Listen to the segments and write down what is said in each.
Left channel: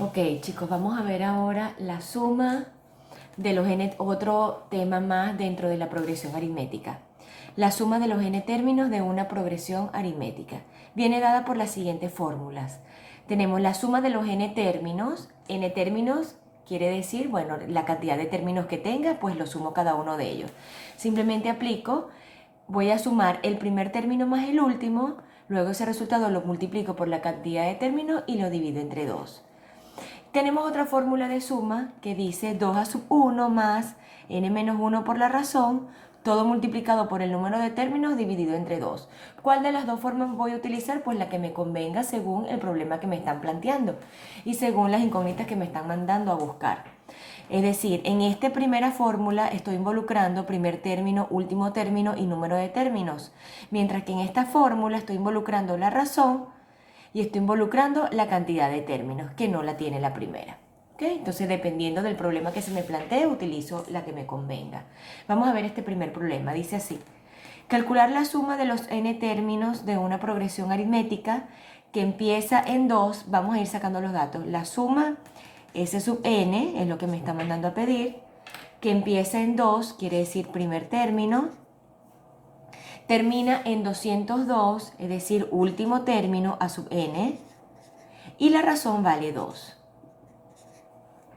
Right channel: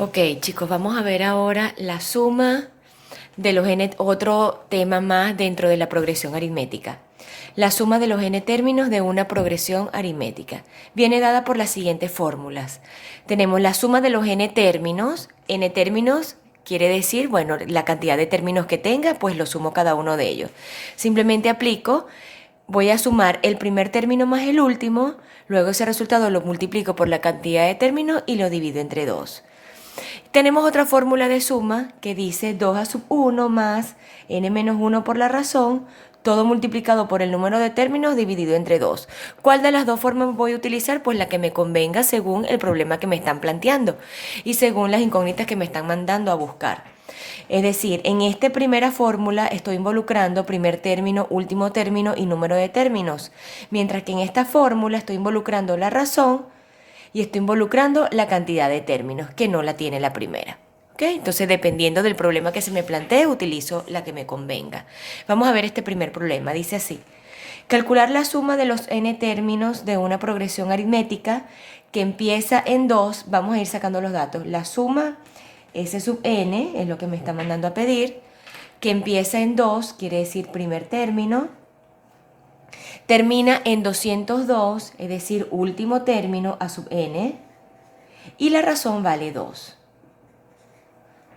Ok, chicos, vamos a ver ahora la suma de los n, otro tema más dentro de la progresión aritmética. La suma de los n términos de una progresión aritmética viene dada por las siguientes fórmulas. Tenemos la suma de los n términos quiere decir, bueno, la cantidad de términos que tenga, pues lo sumo cada uno de ellos. Simplemente aplico, voy a sumar el primer término más el último, luego ese resultado lo multiplico por la cantidad de términos y lo divido entre 2. Tenemos otra fórmula de suma que dice 2 a sub 1 más n menos 1 por la razón, todo multiplicado por el número de términos dividido entre 2. ¿Cuál de las dos formas voy a utilizar? Pues la que me convenga según el problema que me están planteando y según las incógnitas que me están mandando a buscar. Es decir, en esta primera fórmula estoy involucrando primer término, último término y número de términos, mientras que en esta fórmula estoy involucrando la razón y estoy involucrando la cantidad de términos que no la tiene la primera. ¿Okay? Entonces, dependiendo del problema que se me plantee, utilizo la que me convenga. Vamos a ver este primer problema. Dice así: calcular la suma de los n términos de una progresión aritmética que empieza en 2. Vamos a ir sacando los datos. La suma S sub n es lo que me está mandando a pedir, que empieza en 2, quiere decir primer término, termina en 202, es decir, último término a sub n, y la razón vale 2.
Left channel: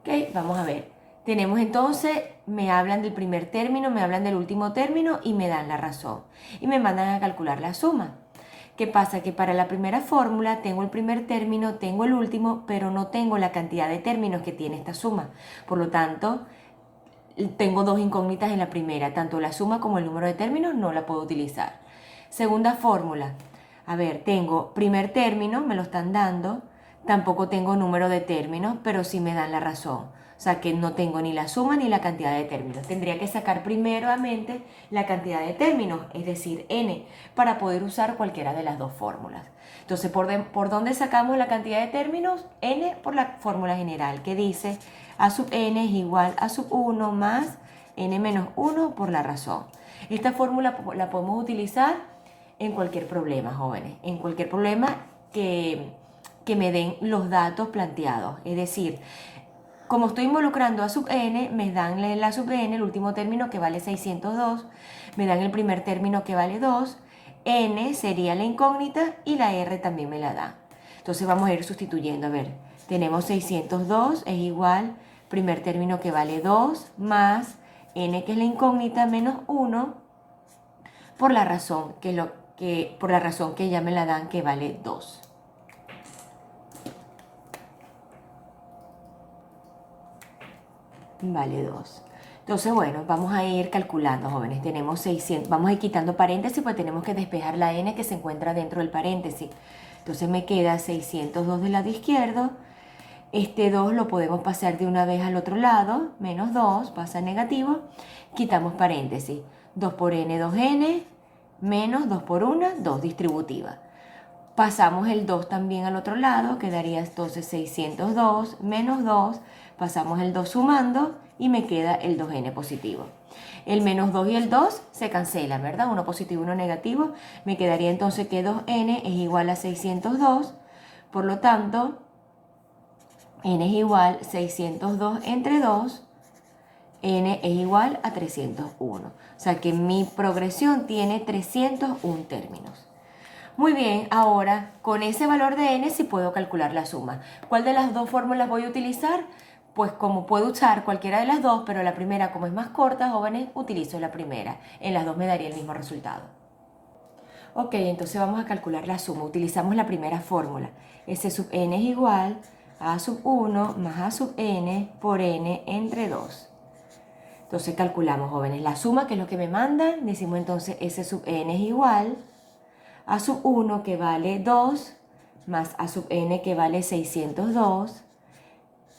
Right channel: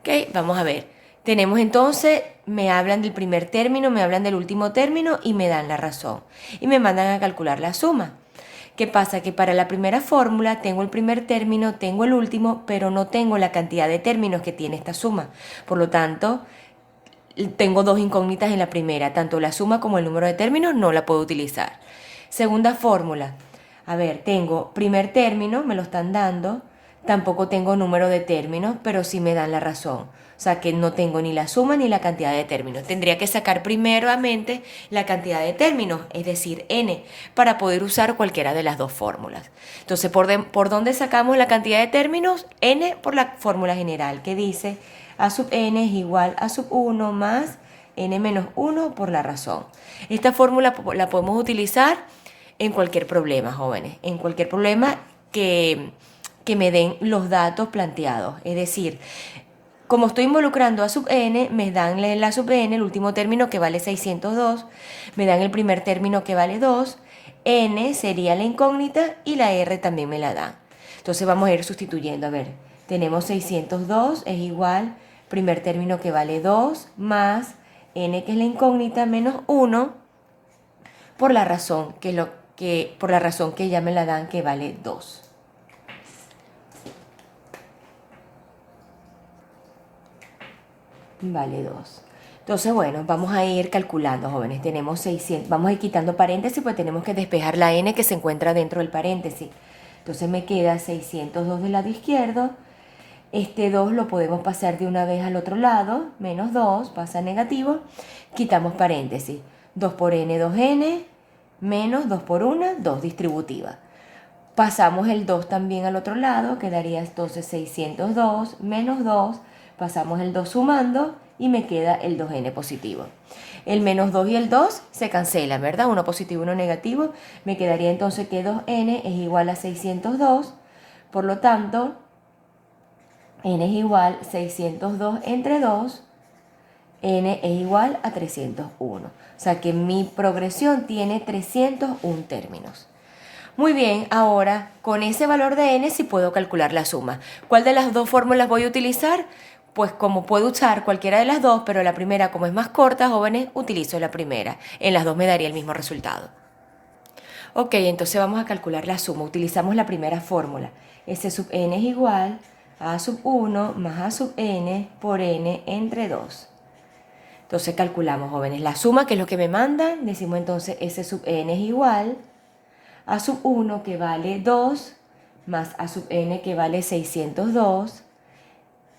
Ok, vamos a ver. Tenemos entonces, me hablan del primer término, me hablan del último término y me dan la razón. Y me mandan a calcular la suma. ¿Qué pasa? Que para la primera fórmula tengo el primer término, tengo el último, pero no tengo la cantidad de términos que tiene esta suma. Por lo tanto, tengo dos incógnitas en la primera, tanto la suma como el número de términos no la puedo utilizar. Segunda fórmula, a ver, tengo primer término, me lo están dando, tampoco tengo número de términos, pero sí me dan la razón. O sea que no tengo ni la suma ni la cantidad de términos. Tendría que sacar primeramente la cantidad de términos, es decir, n, para poder usar cualquiera de las dos fórmulas. Entonces, ¿por dónde sacamos la cantidad de términos? N por la fórmula general que dice a sub n es igual a sub 1 más n menos 1 por la razón. Esta fórmula la podemos utilizar en cualquier problema, jóvenes, en cualquier problema que me den los datos planteados. Es decir, como estoy involucrando a sub n, me dan la sub n, el último término que vale 602, me dan el primer término que vale 2, n sería la incógnita y la r también me la dan. Entonces vamos a ir sustituyendo. A ver, tenemos 602 es igual, primer término que vale 2, más n que es la incógnita, menos 1, por la razón que ya me la dan, que vale 2. Vale 2. Entonces, bueno, vamos a ir calculando, jóvenes. Tenemos 600. Vamos a ir quitando paréntesis, pues tenemos que despejar la n que se encuentra dentro del paréntesis. Entonces me queda 602 del lado izquierdo. Este 2 lo podemos pasar de una vez al otro lado. Menos 2, pasa a negativo. Quitamos paréntesis. 2 por n, 2n. Menos 2 por 1, 2 distributiva. Pasamos el 2 también al otro lado, quedaría entonces 602 menos 2, pasamos el 2 sumando y me queda el 2n positivo. El menos 2 y el 2 se cancelan, ¿verdad? Uno positivo y uno negativo. Me quedaría entonces que 2n es igual a 602, por lo tanto, n es igual a 602 entre 2, n es igual a 301. O sea que mi progresión tiene 301 términos. Muy bien, ahora con ese valor de n sí puedo calcular la suma. ¿Cuál de las dos fórmulas voy a utilizar? Pues como puedo usar cualquiera de las dos, pero la primera, como es más corta, jóvenes, utilizo la primera. En las dos me daría el mismo resultado. Ok, entonces vamos a calcular la suma. Utilizamos la primera fórmula. S sub n es igual a sub 1 más a sub n por n entre 2. Entonces calculamos, jóvenes, la suma, que es lo que me mandan. Decimos entonces S sub n es igual a sub 1, que vale 2, más a sub n, que vale 602,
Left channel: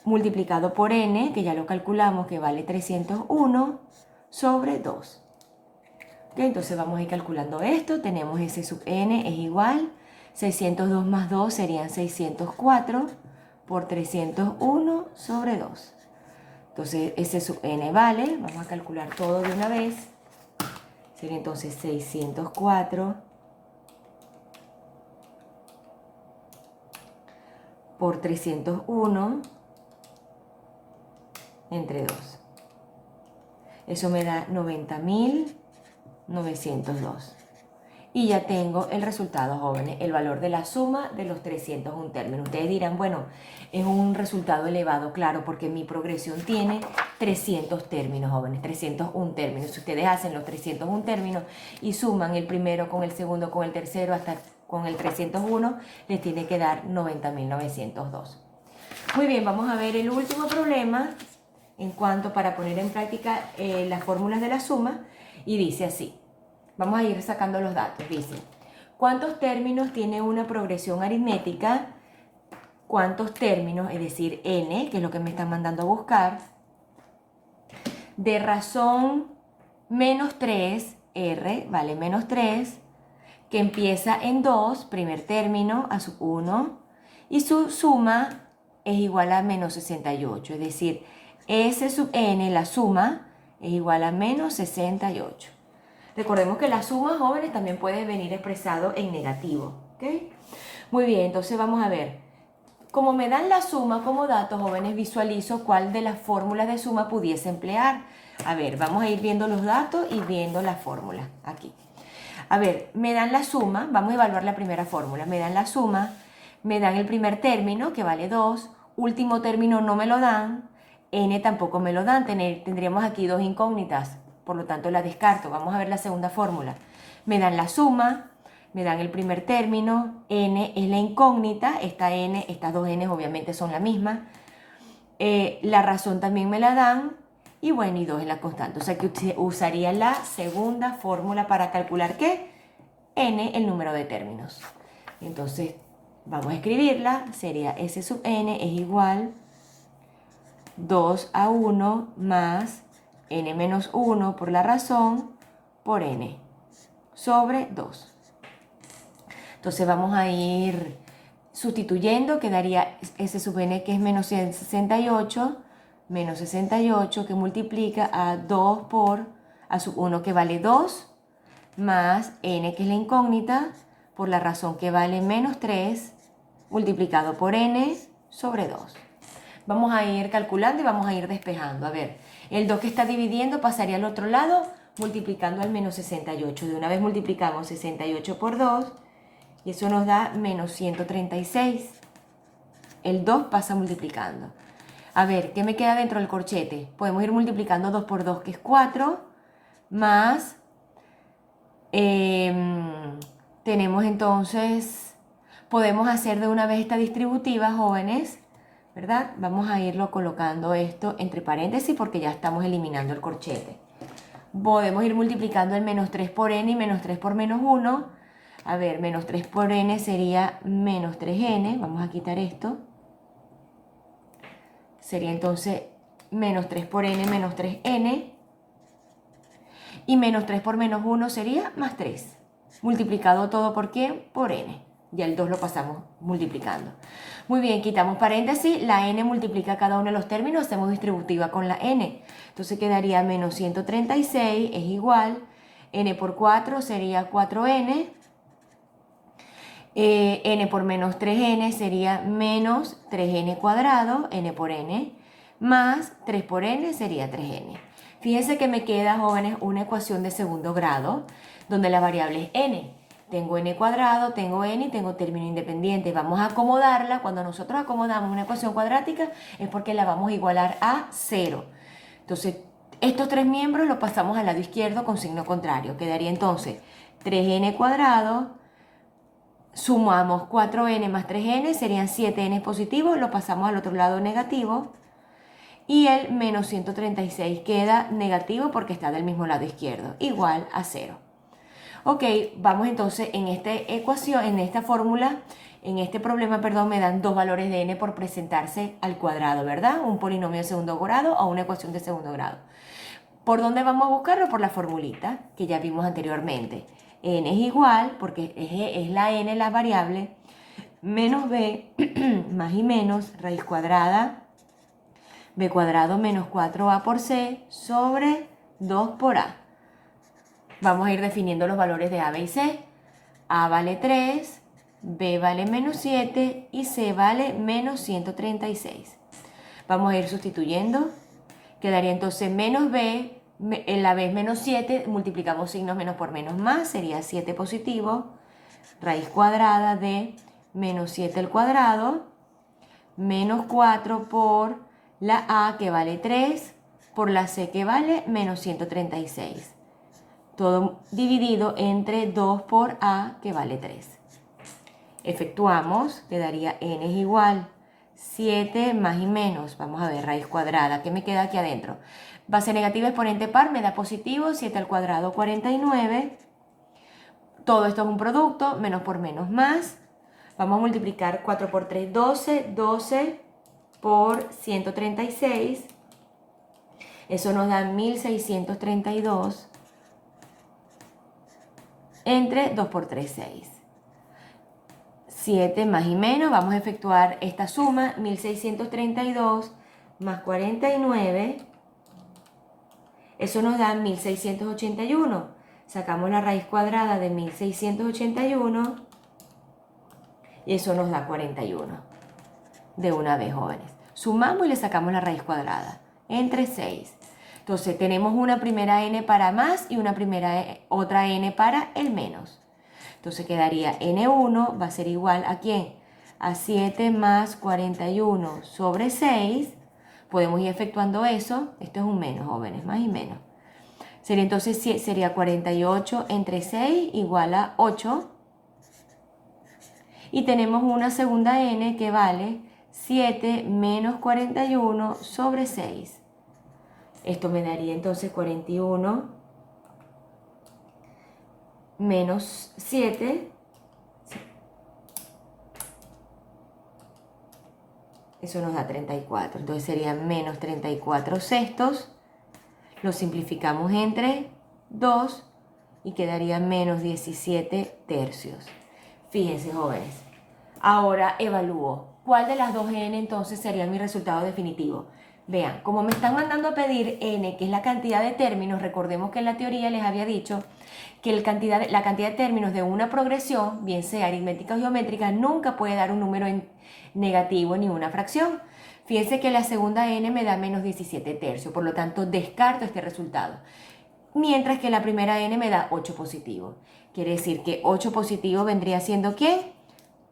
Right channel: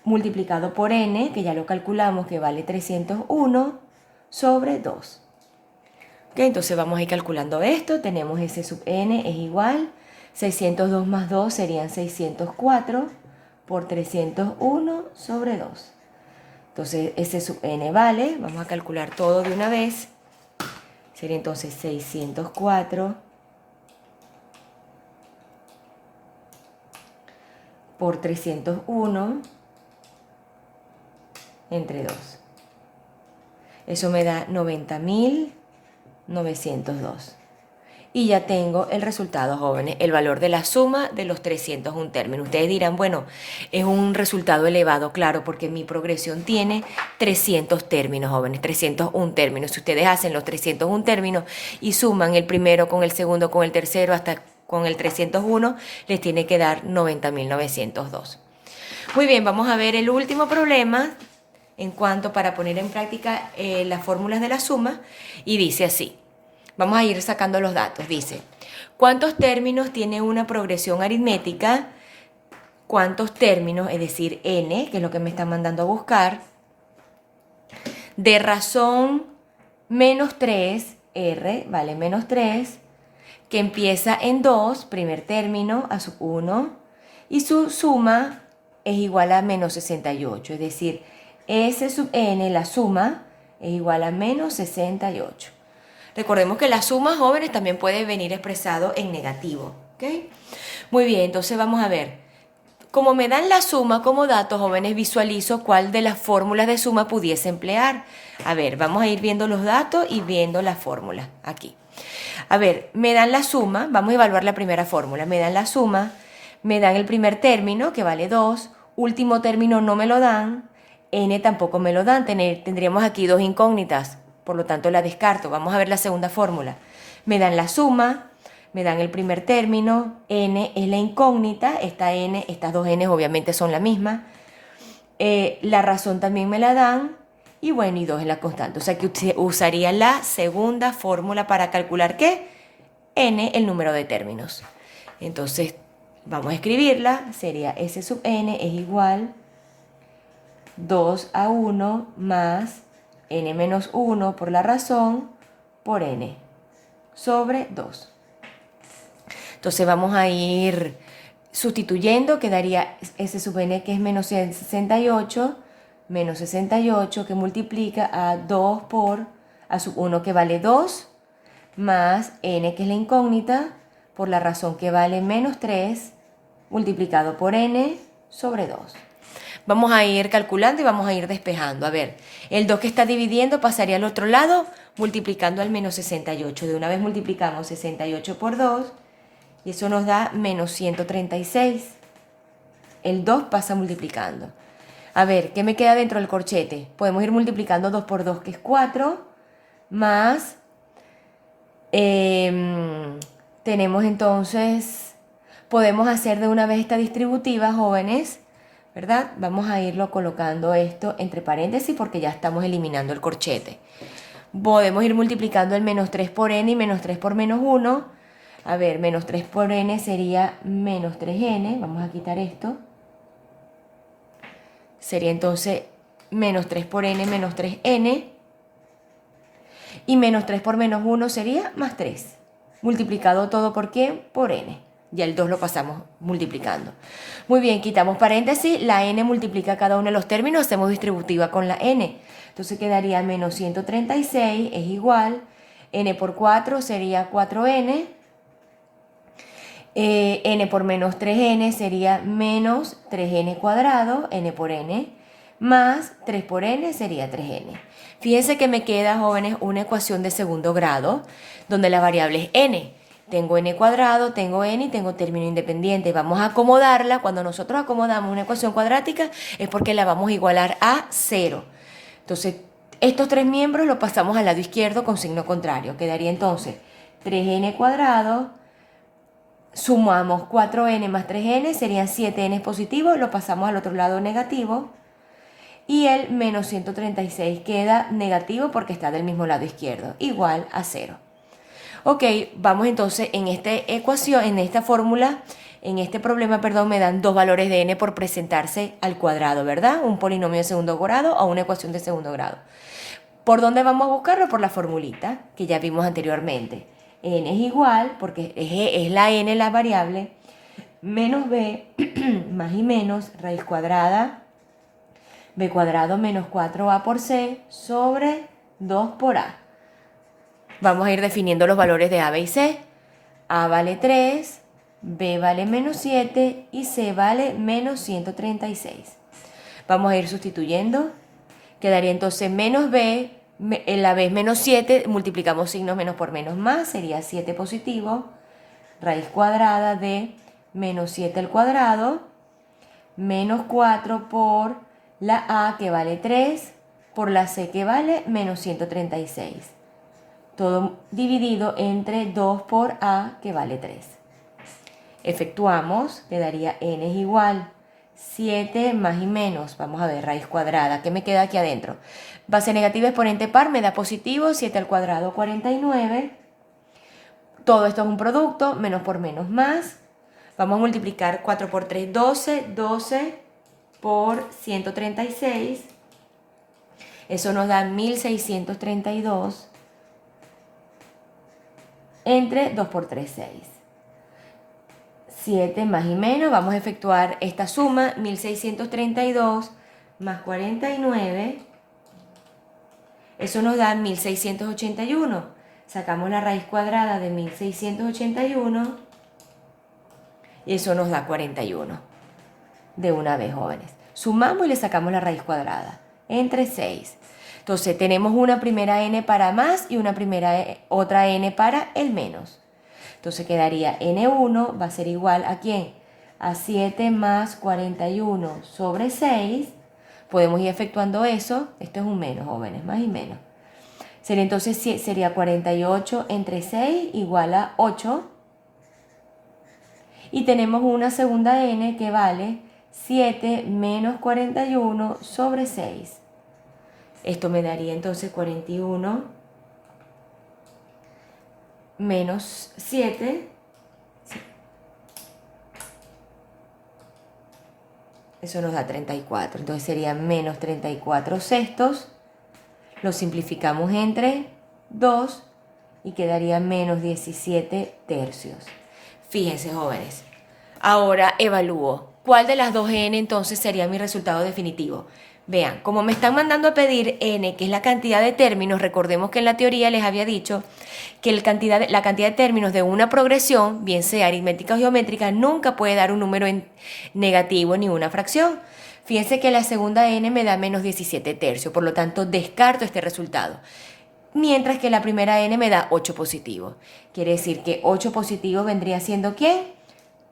multiplicado por n, que ya lo calculamos, que vale 301, sobre 2. Ok, entonces vamos a ir calculando esto. Tenemos S sub n es igual, 602 más 2 serían 604, por 301 sobre 2. Entonces S sub n vale, vamos a calcular todo de una vez, sería entonces 604 por 301 entre 2. Eso me da 90.902. Y ya tengo el resultado, jóvenes, el valor de la suma de los 301 términos. Ustedes dirán, bueno, es un resultado elevado, claro, porque mi progresión tiene 300 términos, jóvenes, 301 términos. Si ustedes hacen los 301 términos y suman el primero con el segundo, con el tercero, hasta con el 301, les tiene que dar 90.902. Muy bien, vamos a ver el último problema en cuanto para poner en práctica las fórmulas de la suma, y dice así. Vamos a ir sacando los datos. Dice, ¿cuántos términos tiene una progresión aritmética? ¿Cuántos términos, es decir, n, que es lo que me están mandando a buscar, de razón menos 3, r, vale menos 3, que empieza en 2, primer término, a sub 1, y su suma es igual a menos 68, es decir, S sub n, la suma, es igual a menos 68. Recordemos que la suma, jóvenes, también puede venir expresado en negativo, ¿ok? Muy bien, entonces vamos a ver. Como me dan la suma como datos, jóvenes, visualizo cuál de las fórmulas de suma pudiese emplear. A ver, vamos a ir viendo los datos y viendo las fórmulas aquí. A ver, me dan la suma, vamos a evaluar la primera fórmula. Me dan la suma, me dan el primer término, que vale 2, último término no me lo dan, n tampoco me lo dan, tendríamos aquí dos incógnitas, por lo tanto la descarto. Vamos a ver la segunda fórmula. Me dan la suma, me dan el primer término, n es la incógnita, esta n, estas dos n obviamente son la misma, la razón también me la dan, y bueno, y 2 es la constante. O sea que usaría la segunda fórmula para calcular ¿qué? N, el número de términos. Entonces, vamos a escribirla. Sería S sub n es igual 2 a 1 más n menos 1 por la razón por n sobre 2. Entonces vamos a ir sustituyendo, quedaría S sub n que es menos 68, menos 68 que multiplica a 2 por a sub 1 que vale 2, más n que es la incógnita, por la razón que vale menos 3, multiplicado por n sobre 2. Vamos a ir calculando y vamos a ir despejando. A ver, el 2 que está dividiendo pasaría al otro lado, multiplicando al menos 68. De una vez multiplicamos 68 por 2, y eso nos da menos 136. El 2 pasa multiplicando. A ver, ¿qué me queda dentro del corchete? Podemos ir multiplicando 2 por 2, que es 4, más... tenemos entonces... Podemos hacer de una vez esta distributiva, jóvenes, ¿verdad? Vamos a irlo colocando esto entre paréntesis porque ya estamos eliminando el corchete. Podemos ir multiplicando el menos 3 por n y menos 3 por menos 1. A ver, menos 3 por n sería menos 3n. Vamos a quitar esto. Sería entonces menos 3 por n menos 3n. Y menos 3 por menos 1 sería más 3. Multiplicado todo por ¿qué? Por n. Ya el 2 lo pasamos multiplicando. Muy bien, quitamos paréntesis. La n multiplica cada uno de los términos. Hacemos distributiva con la n. Entonces quedaría menos 136 es igual. N por 4 sería 4n. N por menos 3n sería menos 3n cuadrado, n por n, más 3 por n sería 3n. Fíjense que me queda, jóvenes, una ecuación de segundo grado, donde la variable es n. Tengo n cuadrado, tengo n y tengo término independiente. Vamos a acomodarla. Cuando nosotros acomodamos una ecuación cuadrática es porque la vamos a igualar a 0. Entonces, estos tres miembros los pasamos al lado izquierdo con signo contrario. Quedaría entonces 3n cuadrado. Sumamos 4n más 3n, serían 7n positivos, lo pasamos al otro lado negativo. Y el menos 136 queda negativo porque está del mismo lado izquierdo, igual a 0. Ok, vamos entonces en esta ecuación, en esta fórmula, en este problema, perdón, me dan dos valores de n por presentarse al cuadrado, ¿verdad? Un polinomio de segundo grado o una ecuación de segundo grado. ¿Por dónde vamos a buscarlo? Por la formulita que ya vimos anteriormente. N es igual, porque es la n la variable, menos b más y menos raíz cuadrada, b cuadrado menos 4a por c sobre 2 por a. Vamos a ir definiendo los valores de a, b y c. A vale 3, B vale menos 7 y C vale menos 136. Vamos a ir sustituyendo. Quedaría entonces menos B, la B es menos 7, multiplicamos signos menos por menos más, sería 7 positivo, raíz cuadrada de menos 7 al cuadrado, menos 4 por la A que vale 3, por la C que vale menos 136. Todo dividido entre 2 por A que vale 3. Efectuamos, quedaría n es igual 7 más y menos, vamos a ver, raíz cuadrada, ¿qué me queda aquí adentro? Base negativa exponente par me da positivo, 7 al cuadrado 49. Todo esto es un producto, menos por menos más. Vamos a multiplicar 4 por 3, 12, 12 por 136. Eso nos da 1632 entre 2 por 3, 6. 7 más y menos, vamos a efectuar esta suma, 1632 más 49, eso nos da 1681. Sacamos la raíz cuadrada de 1681 y eso nos da 41. De una vez, jóvenes. Sumamos y le sacamos la raíz cuadrada entre 6. Entonces tenemos una primera n para más y otra n para el menos. Entonces quedaría n1 va a ser igual a ¿quién? A 7 más 41 sobre 6. Podemos ir efectuando eso. Esto es un menos, jóvenes, más y menos. Sería entonces 48 entre 6 igual a 8. Y tenemos una segunda n que vale 7 menos 41 sobre 6. Esto me daría entonces 41 menos 7, eso nos da 34, entonces sería menos 34 sextos, lo simplificamos entre 2 y quedaría menos 17 tercios. Fíjense, jóvenes, ahora evalúo, ¿cuál de las dos n entonces sería mi resultado definitivo? Vean, como me están mandando a pedir n, que es la cantidad de términos, recordemos que en la teoría les había dicho que la cantidad de términos de una progresión, bien sea aritmética o geométrica, nunca puede dar un número negativo ni una fracción. Fíjense que la segunda n me da menos 17 tercios, por lo tanto descarto este resultado. Mientras que la primera n me da 8 positivo. Quiere decir que 8 positivo vendría siendo ¿quién?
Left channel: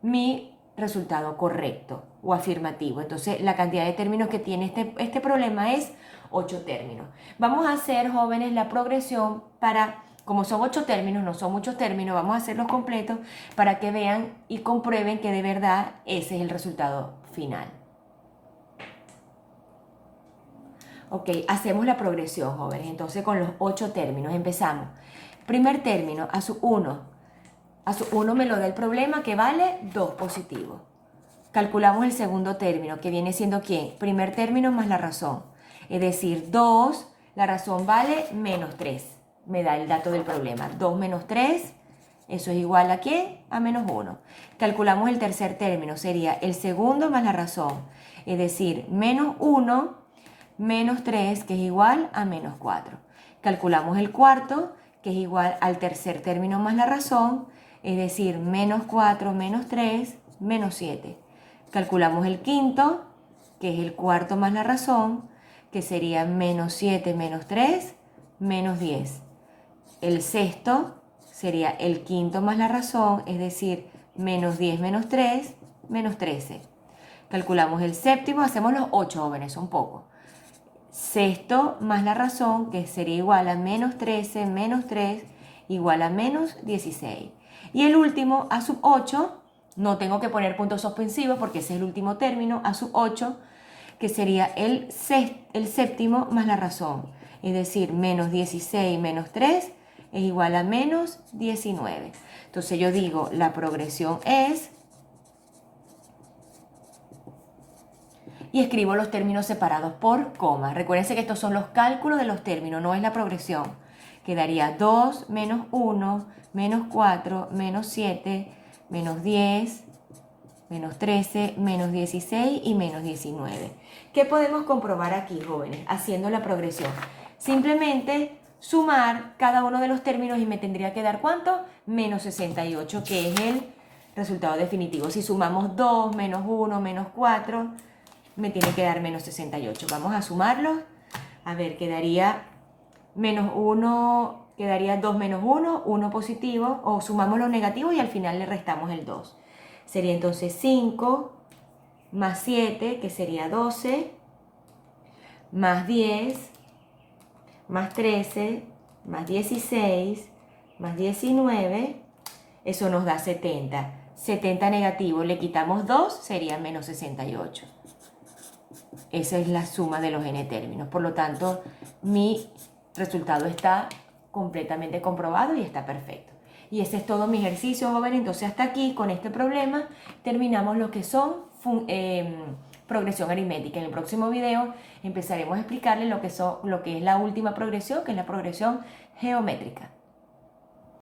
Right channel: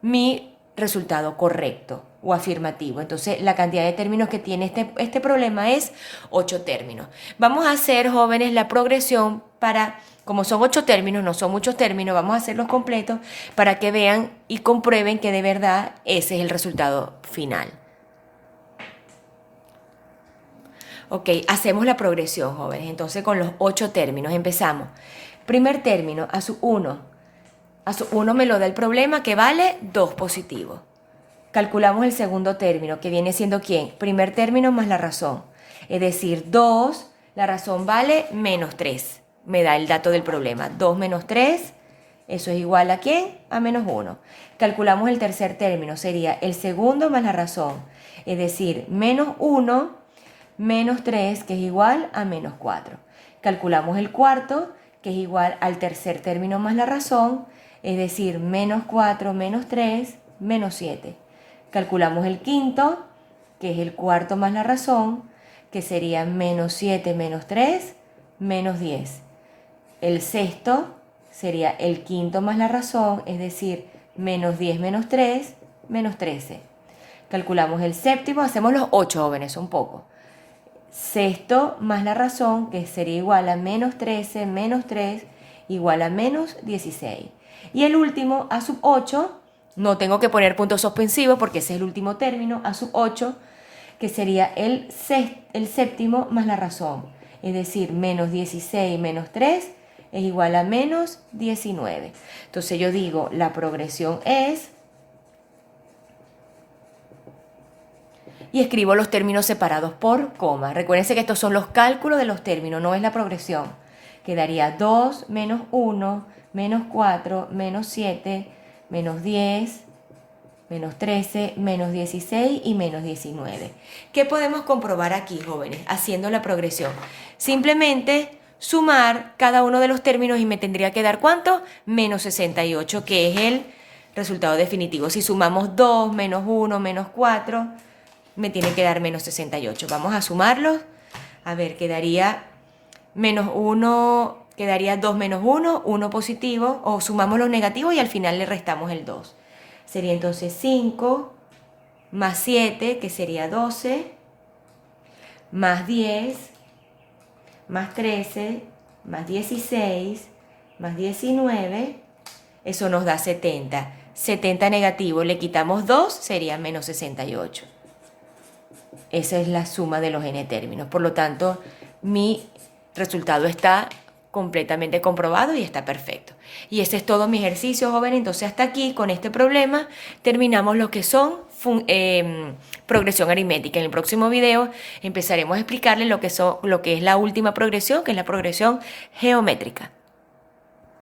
Mi resultado correcto o afirmativo. Entonces la cantidad de términos que tiene este problema es 8 términos. Vamos a hacer, jóvenes, la progresión para, como son 8 términos, no son muchos términos, vamos a hacerlos completos para que vean y comprueben que de verdad ese es el resultado final. Ok, hacemos la progresión, jóvenes. Entonces con los 8 términos empezamos. Primer término, a su 1. A su 1 me lo da el problema que vale 2 positivo. Calculamos el segundo término, que viene siendo ¿quién? Primer término más la razón. Es decir, 2, la razón vale menos 3. Me da el dato del problema. 2 menos 3, eso es igual a ¿quién? A menos 1. Calculamos el tercer término, sería el segundo más la razón. Es decir, menos 1 menos 3, que es igual a menos 4. Calculamos el cuarto, que es igual al tercer término más la razón, es decir, menos 4 menos 3, menos 7. Calculamos el quinto, que es el cuarto más la razón, que sería menos 7 menos 3, menos 10. El sexto sería el quinto más la razón, es decir, menos 10 menos 3, menos 13. Calculamos el séptimo, hacemos los 8, jóvenes, un poco. Sexto más la razón, que sería igual a menos 13 menos 3, igual a menos 16. Y el último, a sub 8, no tengo que poner puntos suspensivos porque ese es el último término, a sub 8, que sería el séptimo más la razón. Es decir, menos 16 menos 3 es igual a menos 19. Entonces yo digo, la progresión es... Y escribo los términos separados por coma. Recuérdense que estos son los cálculos de los términos, no es la progresión. Quedaría 2 menos 1, menos 4, menos 7, menos 10, menos 13, menos 16 y menos 19. ¿Qué podemos comprobar aquí, jóvenes, haciendo la progresión? Simplemente sumar cada uno de los términos y me tendría que dar ¿cuánto? Menos 68, que es el resultado definitivo. Si sumamos 2, menos 1, menos 4, me tiene que dar menos 68. Vamos a sumarlos. A ver, quedaría menos 1, quedaría 2 menos 1, 1 positivo, o sumamos los negativos y al final le restamos el 2. Sería entonces 5 más 7, que sería 12, más 10, más 13, más 16, más 19, eso nos da 70. 70 negativo, le quitamos 2, sería menos 68. Esa es la suma de los n términos. Por lo tanto, mi resultado está completamente comprobado y está perfecto. Y ese es todo mi ejercicio, joven. Entonces, hasta aquí, con este problema, terminamos lo que son progresión aritmética. En el próximo video empezaremos a explicarles lo que es la última progresión, que es la progresión geométrica.